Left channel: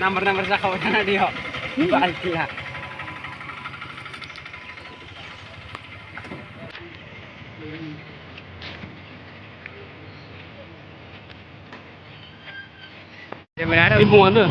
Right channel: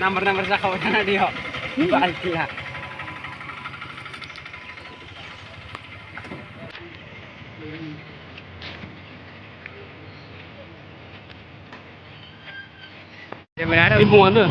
Nomor-nomor sakawan dia. Balik lah. Ibu mana?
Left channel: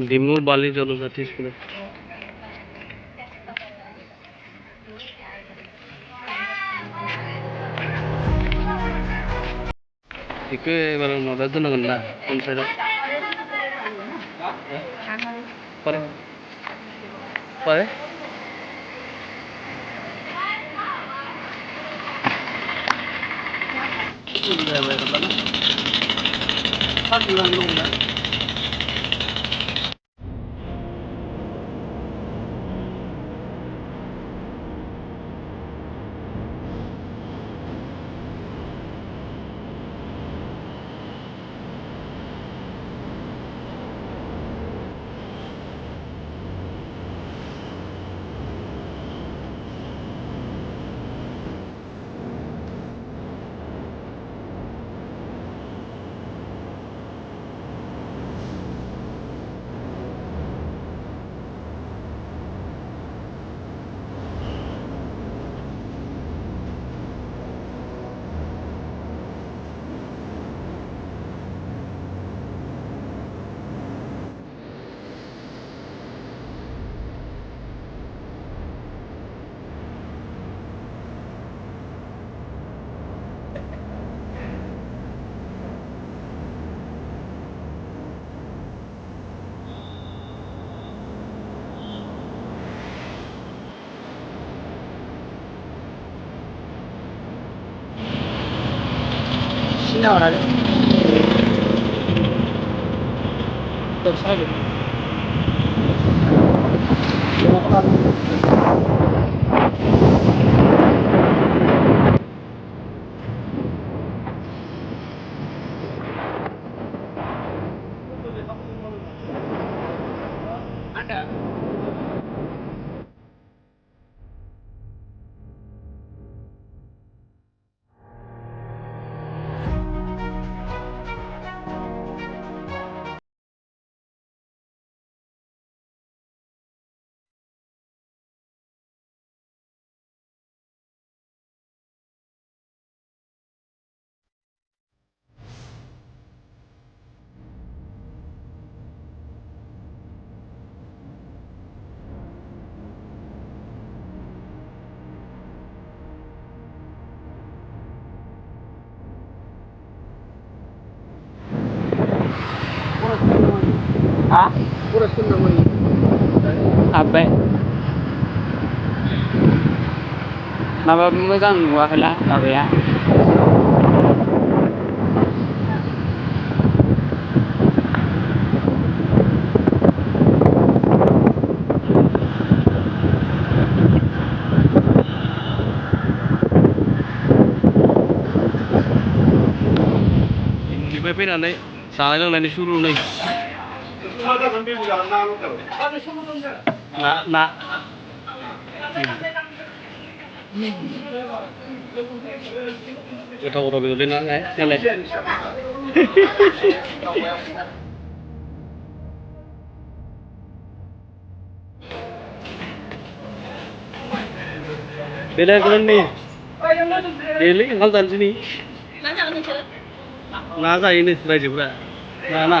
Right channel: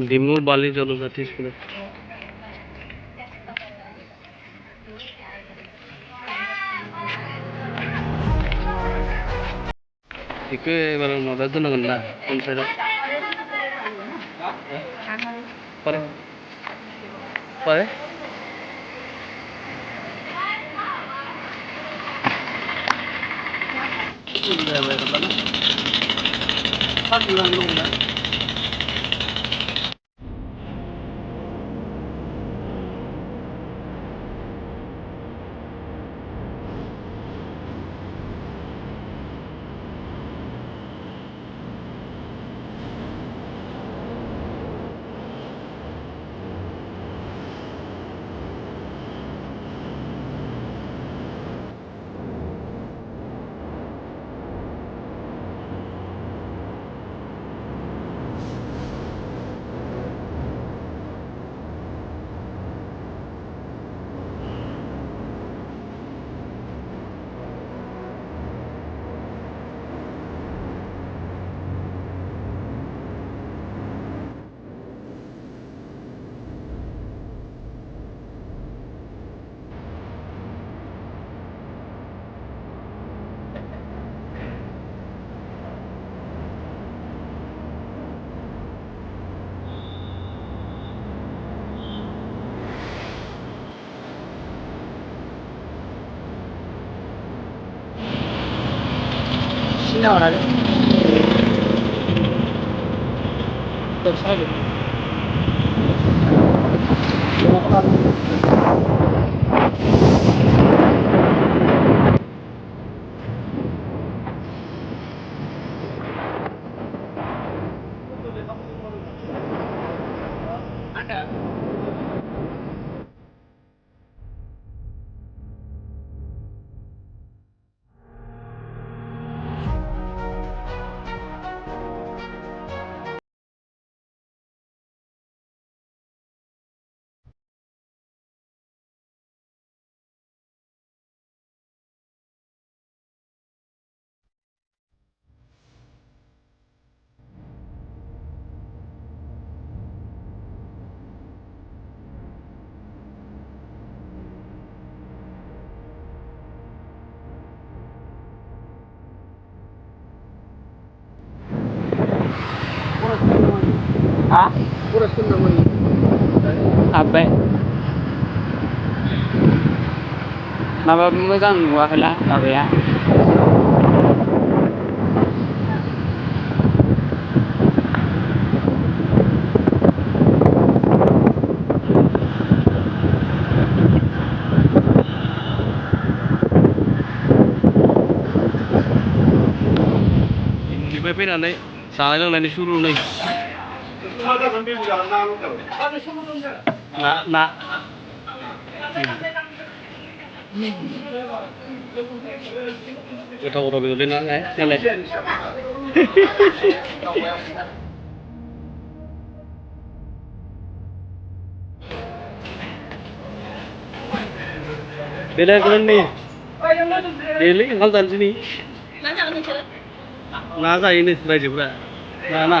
Dimu bali jalo jati sekolah. Iku baru modal tu nak kena, konsep. Pare, pare. Sudah bayar apa? Pasti orang rumah. Sini orang ada. Tersalah. Ada. Hah? Kurus tu namanya. Apa? Nama megang wahla, apa ya? बेनिफ्राय फैनानै जानाय लोंनायनि सुरु नै ना गोथाव गोथाव बेदरलै ना नालाय बेलेग रोंनि देलै ओंखाम जानोसै नै ना जायोनो रायजोफ्रा ना